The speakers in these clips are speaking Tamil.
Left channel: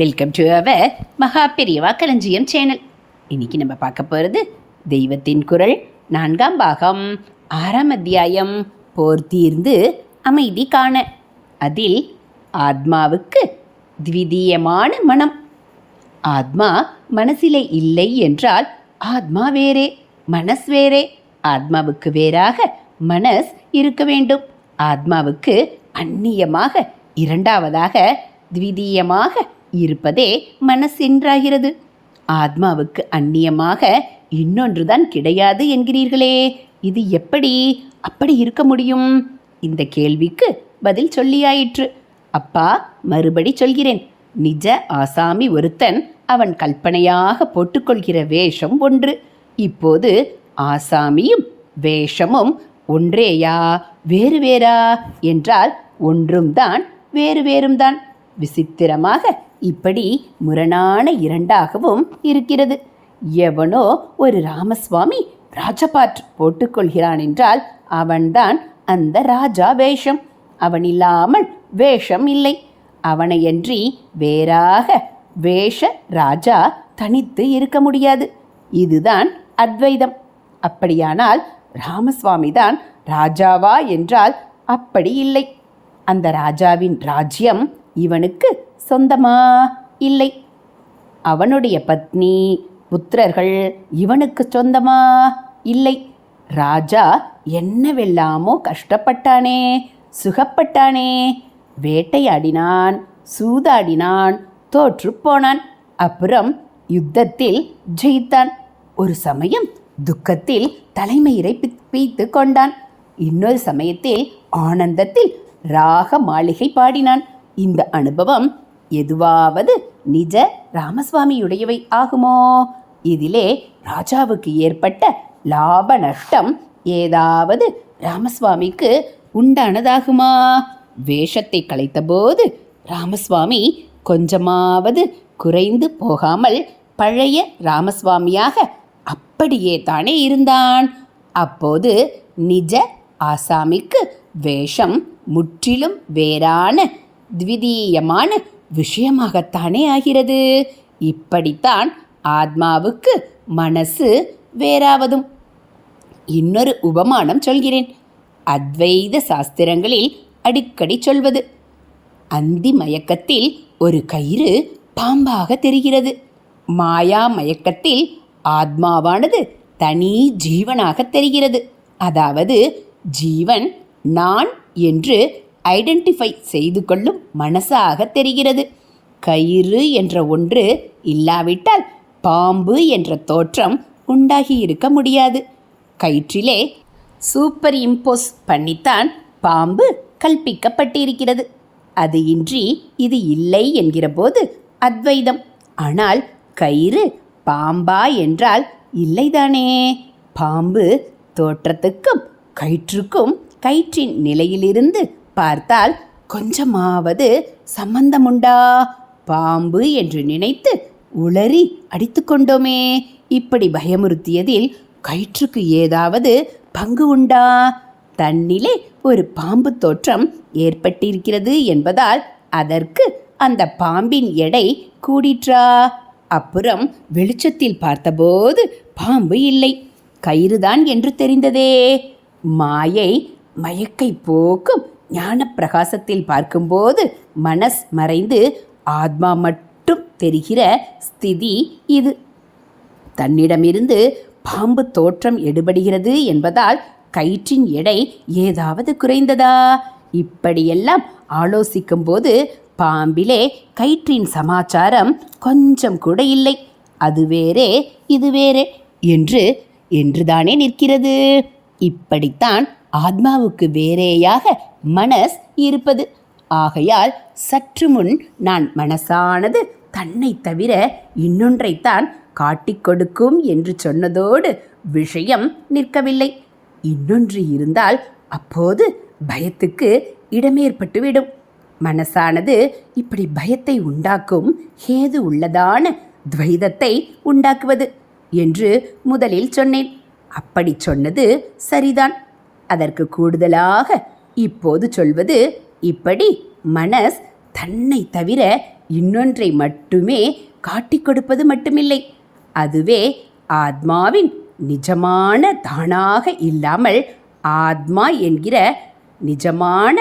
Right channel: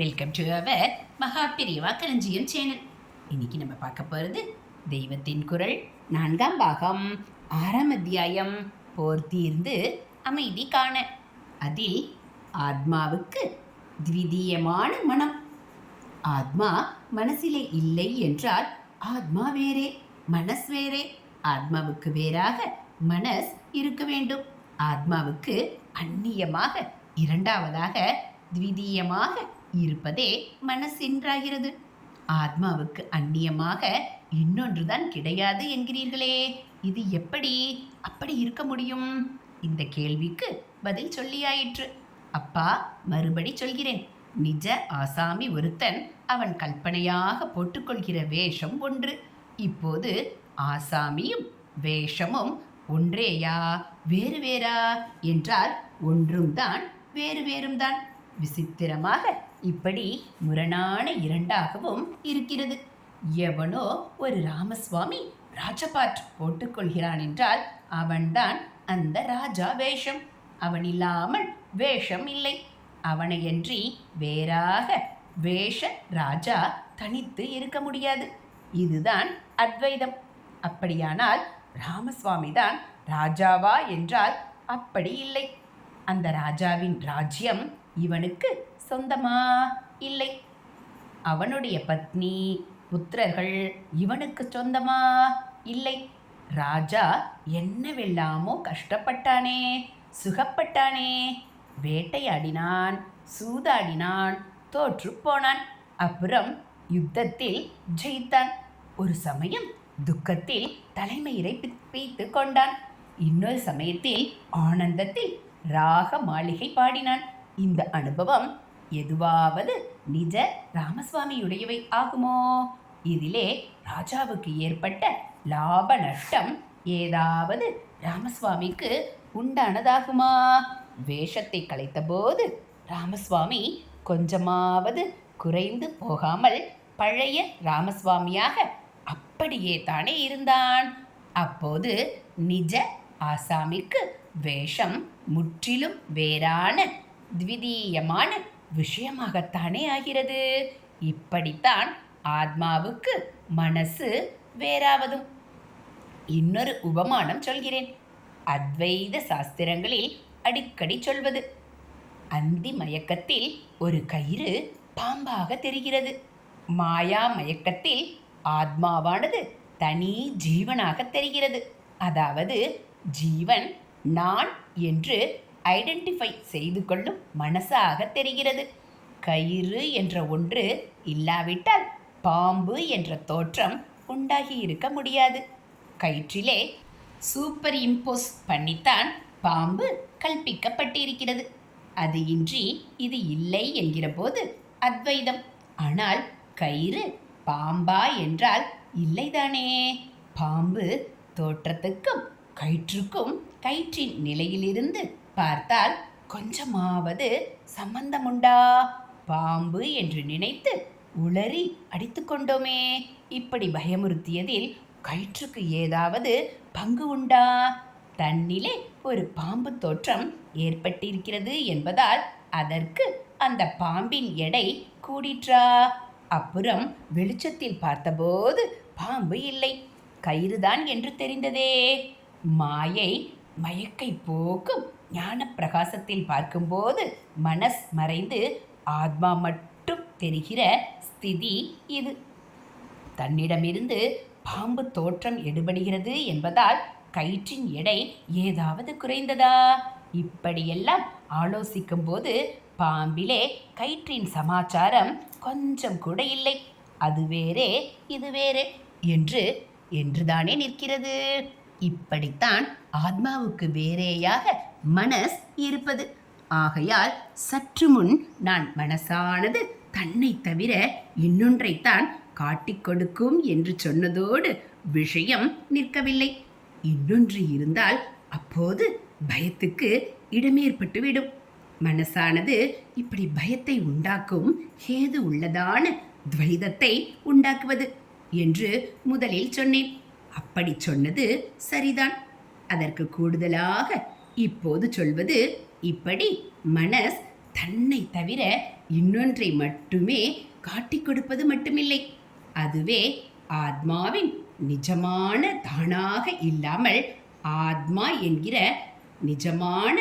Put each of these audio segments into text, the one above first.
வெல்கம் டு அவர் மகா பெரியவா களஞ்சியம் சேனல். இன்னைக்கு நம்ம பார்க்க போகிறது தெய்வத்தின் குரல் 4ஆம் பாகம் 6ஆம் அத்தியாயம் போர் தீர்ந்து அமைதி காண. அதில் ஆத்மாவுக்கு த்விதீயமான மனம். ஆத்மா மனசிலே இல்லை என்றால் ஆத்மா வேறே, மனஸ் வேறே. ஆத்மாவுக்கு வேறாக மனஸ் இருக்க வேண்டும். ஆத்மாவுக்கு அந்நியமாக இரண்டாவதாக த்விதீயமாக இருப்பதே மனஸ் என்றாகிறது. ஆத்மாவுக்கு அந்நியமாக இன்னொன்றுதான் கிடையாது என்கிறீர்களே, இது எப்படி அப்படி இருக்க முடியும்? இந்த கேள்விக்கு பதில் சொல்லியாயிற்று. அப்பா, மறுபடி சொல்கிறேன். நிஜ ஆசாமி ஒருத்தன் அவன் கல்பனையாக போட்டுக்கொள்கிற வேஷம் ஒன்று. இப்போது ஆசாமியும் வேஷமும் ஒன்றேயா வேறு வேறா என்றால் ஒன்றும் தான் வேறு வேறும் தான். விசித்திரமாக இப்படி முரணான இரண்டாகவும் இருக்கிறது. எவனோ ஒரு ராமசுவாமி ராஜபாட் போட்டுக்கொள்கிறான் என்றால் அவன்தான் அந்த ராஜா வேஷம். அவன் இல்லாமல் வேஷம் இல்லை. அவனையன்றி வேறாக வேஷ ராஜா தனித்து இருக்க முடியாது. இதுதான் அத்வைதம். அப்படியானால் ராமசுவாமி தான் ராஜாவா என்றால் அப்படி இல்லை. அந்த ராஜாவின் ராஜ்யம் இவனுக்கு சொந்தமா? இல்லை. அவனுடைய பத்னி புத்திரர்கள் இவனுக்கு சொந்தமா? இல்லை. ராஜா என்னவெல்லாமோ கஷ்டப்பட்டானே, சுகப்பட்டானே. வேட்டையாடினான், சூதாடினான், தோற்று போனான். அப்புறம் யுத்தத்தில் ஜெயித்தான். ஒரு சமயம் துக்கத்தில் தலைமயிரை பீத்து கொண்டான். இன்னொரு சமயத்தில் ஆனந்தத்தில் ராக மாளிகை பாடினான். இந்த அனுபவம் எதுவாவது நிஜ ராமசுவாமியுடையவை ஆகுமோ? இதிலே ராஜாவுக்கு ஏற்பட்ட லாப நஷ்டம் ஏதாவது ராமசுவாமிக்கு உண்டானதாகுமா? வேஷத்தை கலைத்தபோது ராமசுவாமி கொஞ்சமாவது குறைந்து போகாமல் பழைய ராமசுவாமியாக அப்படியே தானே இருந்தான். அப்போது நிஜ ஆசாமிக்கு வேஷம் முற்றிலும் வேறான த்விதீயமான விஷயமாகத்தானே ஆகிறது. இப்படித்தான் ஆத்மாவுக்கு மனசு வேறாவதும். இன்னொரு உபமானம் சொல்கிறேன். அத்வைத சாஸ்திரங்களில் அடிக்கடி சொல்வது, அந்தி மயக்கத்தில் ஒரு கயிறு பாம்பாக தெரிகிறது. மாயா மயக்கத்தில் ஆத்மாவானது தனி ஜீவனாக தெரிகிறது. அதாவது ஜீவன் நான் என்று ஐடென்டிஃபை செய்து கொள்ளும் மனசாக தெரிகிறது. கயிறு என்ற ஒன்று இல்லாவிட்டால் பாம்பு என்ற தோற்றம் உண்டாகி இருக்க முடியாது. கயிற்றிலே சூப்பர் இம்போஸ் பண்ணித்தான் பாம்பு கல்பிக்கப்பட்டிருக்கிறது. அது இன்றி இது இல்லை என்கிற போது அத்வைதம். ஆனால் கயிறு பாம்பா என்றால் இல்லைதானே. பாம்பு தோற்றத்துக்கும் கயிற்றுக்கும் கயிற்றின் நிலையிலிருந்து பார்த்தால் கொஞ்சமாவது சம்பந்தமுண்டா? பாம்பு என்று நினைத்து உளறி அடித்து கொண்டோமே. இப்படி பயமுறுத்தியதில் கயிற்றுக்கு ஏதாவது பங்கு உண்டா? தன்னிலே ஒரு பாம்பு தோற்றம் ஏற்பட்டிருக்கிறது என்பதால் அதற்கு அந்த பாம்பின் எடை கூடிற்றா? அப்புறம் வெளிச்சத்தில் பார்த்தபோது பாம்பு இல்லை, கயிறுதான் என்று தெரிந்ததே. மாயை மயக்கை போக்கும் ஞான பிரகாசத்தில் பார்க்கும்போது மனஸ் மறைந்து ஆத்மா மட்டும் தெரிகிற ஸ்திதி இது. தன்னிடமிருந்து பாம்பு தோற்றம் எடுபடுகிறது என்பதால் கயிற்றின் எடை ஏதாவது குறைந்ததா? இப்படியெல்லாம் ஆலோசிக்கும் போது பாம்பிலே கயிற்றின் சமாச்சாரம் கொஞ்சம் கூட இல்லை. அது வேறே இது வேறே என்றுதானே நிற்கிறது. இப்படித்தான் ஆத்மாவுக்கு வேறேயாக மனஸ் இருப்பது. ஆகையால் சற்று முன் நான் மனசானது தன்னை தவிர இன்னொன்றைத்தான் காட்டிக் கொடுக்கும் என்று சொன்னதோடு விஷயம் நிற்கவில்லை. இன்னொன்று இருந்தால் அப்போது பயத்துக்கு இடமேற்பட்டுவிடும். மனசானது இப்படி பயத்தை உண்டாக்கும் ஏது உள்ளதான துவைதத்தை உண்டாக்குவது என்று முதலில் சொன்னேன். அப்படி சொன்னது சரிதான். அதற்கு கூடுதலாக இப்போது சொல்வது, இப்படி மனஸ் தன்னை தவிர இன்னொன்றை மட்டுமே காட்டிக் கொடுப்பது மட்டுமில்லை, அதுவே ஆத்மாவின் நிஜமான தானாக இல்லாமல், ஆத்மா என்கிற நிஜமான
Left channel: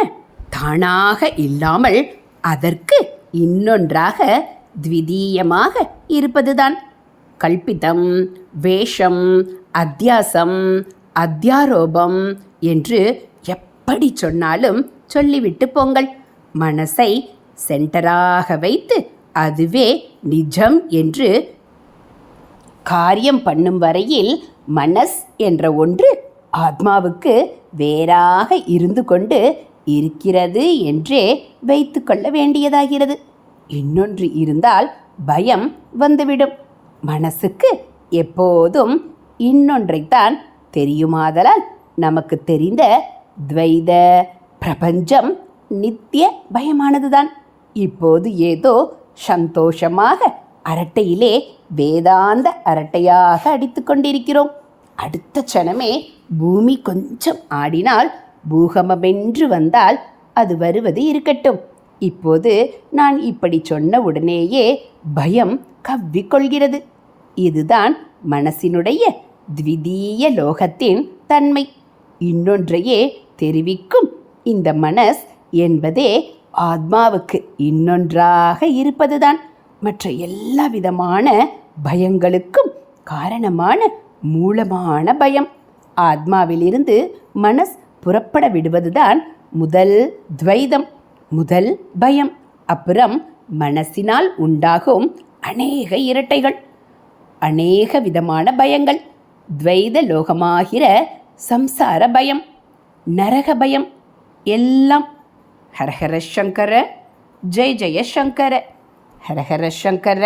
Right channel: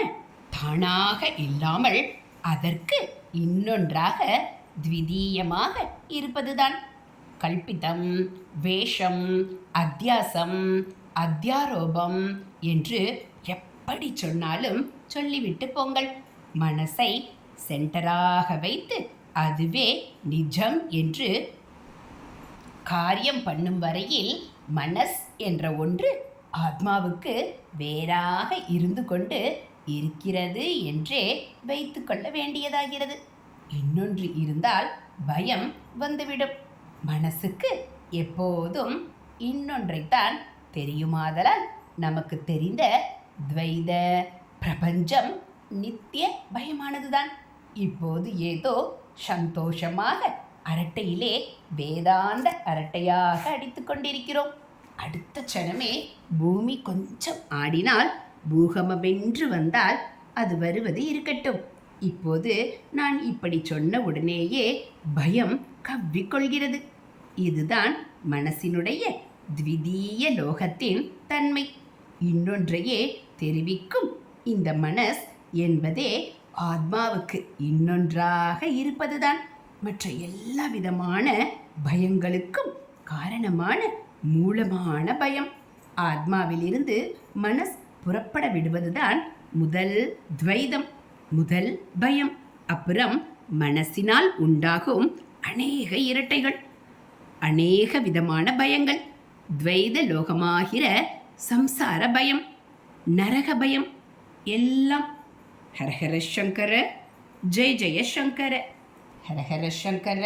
தானாக இல்லாமல் அதற்கு இன்னொன்றாக த்விதீயமாக இருப்பதுதான். கல்பிதம், வேஷம், அத்தியாசம், அத்தியாரோபம் என்று எப்படி சொன்னாலும் சொல்லிவிட்டு போங்கள். மனசை சென்டராக வைத்து அதுவே நிஜம் என்று காரியம் பண்ணும் வரையில் மனஸ் என்ற ஒன்று ஆத்மாவுக்கு வேறாக இருந்து கொண்டு இருக்கிறது என்றே வைத்து கொள்ள வேண்டியதாகிறது. இன்னொன்று இருந்தால் பயம் வந்துவிடும். மனசுக்கு எப்போதும் இன்னொன்றைத்தான் தெரியுமாதலால் நமக்கு தெரிந்த துவைத பிரபஞ்சம் நித்திய பயமானதுதான். இப்போது ஏதோ சந்தோஷமாக அரட்டையிலே வேதாந்த அரட்டையாக அடித்து கொண்டிருக்கிறோம். அடுத்த க்ஷணமே பூமி கொஞ்சம் ஆடினால், பூகம்பமென்று வந்தால் அது வருவது இருக்கட்டும். இப்போது நான் இப்படி சொன்ன உடனேயே பயம் கவ்விக்கொள்கிறது. இதுதான் மனசினுடைய த்விதீய லோகத்தின் தன்மை. இன்னொன்றையே தெரிவிக்கும் இந்த மனஸ் என்பதே ஆத்மாவுக்கு இன்னொன்றாக இருப்பதுதான். மற்ற எல்லா விதமான பயங்களுக்கும் காரணமான மூலமான பயம். ஆத்மாவிலிருந்து மனஸ் புறப்பட விடுவதுதான் முதல் துவைதம், முதல் பயம். அப்புறம் மனசினால் உண்டாகும் அநேக இரட்டைகள், அநேக விதமான பயங்கள். துவைத லோகமாகிற சம்சார பயம், நரக பயம் எல்லாம். ஹரஹர சங்கர ஜெய ஜெய சங்கர, ஹரஹர சங்கர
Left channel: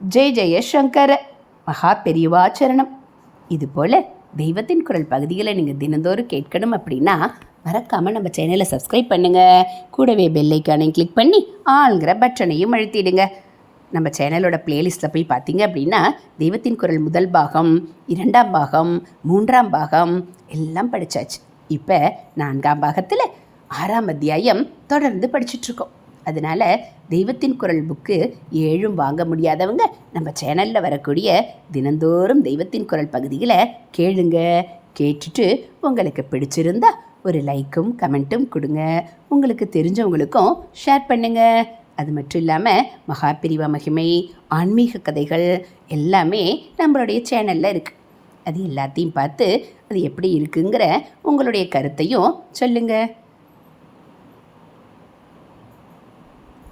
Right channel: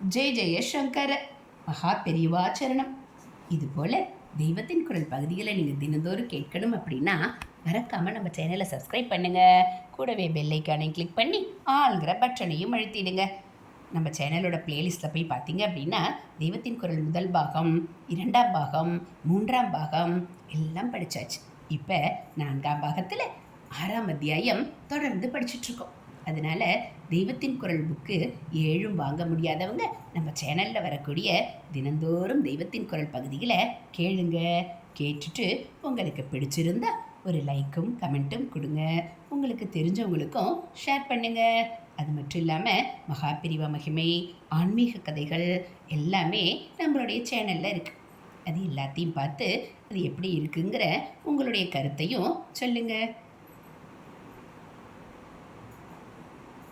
ஜெய ஜெய சங்கர. மகா பெரியவாச்சரணம். இதுபோல் தெய்வத்தின் குரல் பகுதிகளை நீங்கள் தினந்தோறும் கேட்கணும் அப்படின்னா மறக்காமல் நம்ம சேனலை சப்ஸ்கிரைப் பண்ணுங்கள். கூடவே பெல்லைக்கானையும் கிளிக் பண்ணி ஆளுங்கிற பட்டனையும் அழுத்திடுங்க. நம்ம சேனலோட பிளேலிஸ்ட்டில் போய் பார்த்தீங்க அப்படின்னா தெய்வத்தின் குரல் முதல் பாகம், 2ஆம் பாகம், 3ஆம் பாகம் எல்லாம் படித்தாச்சு. இப்போ 4ஆம் பாகத்தில் 6ஆம் அத்தியாயம் தொடர்ந்து படிச்சுட்ருக்கோம். அதனால் தெய்வத்தின் குரல் புக்கு 7ம் வாங்க முடியாதவங்க நம்ம சேனலில் வரக்கூடிய தினந்தோறும் தெய்வத்தின் குரல் பகுதிகளை கேளுங்க. கேட்டுட்டு உங்களுக்கு பிடிச்சிருந்தா ஒரு லைக்கும் கமெண்ட்டும் கொடுங்க. உங்களுக்கு தெரிஞ்சவங்களுக்கும் ஷேர் பண்ணுங்கள். அது மட்டும் இல்லாமல் மகாபிரிவா மகிமை, ஆன்மீக கதைகள் எல்லாமே நம்மளுடைய சேனலில் இருக்குது. அது எல்லாத்தையும் பார்த்து அது எப்படி இருக்குங்கிற உங்களுடைய கருத்தையும் சொல்லுங்கள்.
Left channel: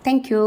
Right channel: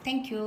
தேங்க்யூ.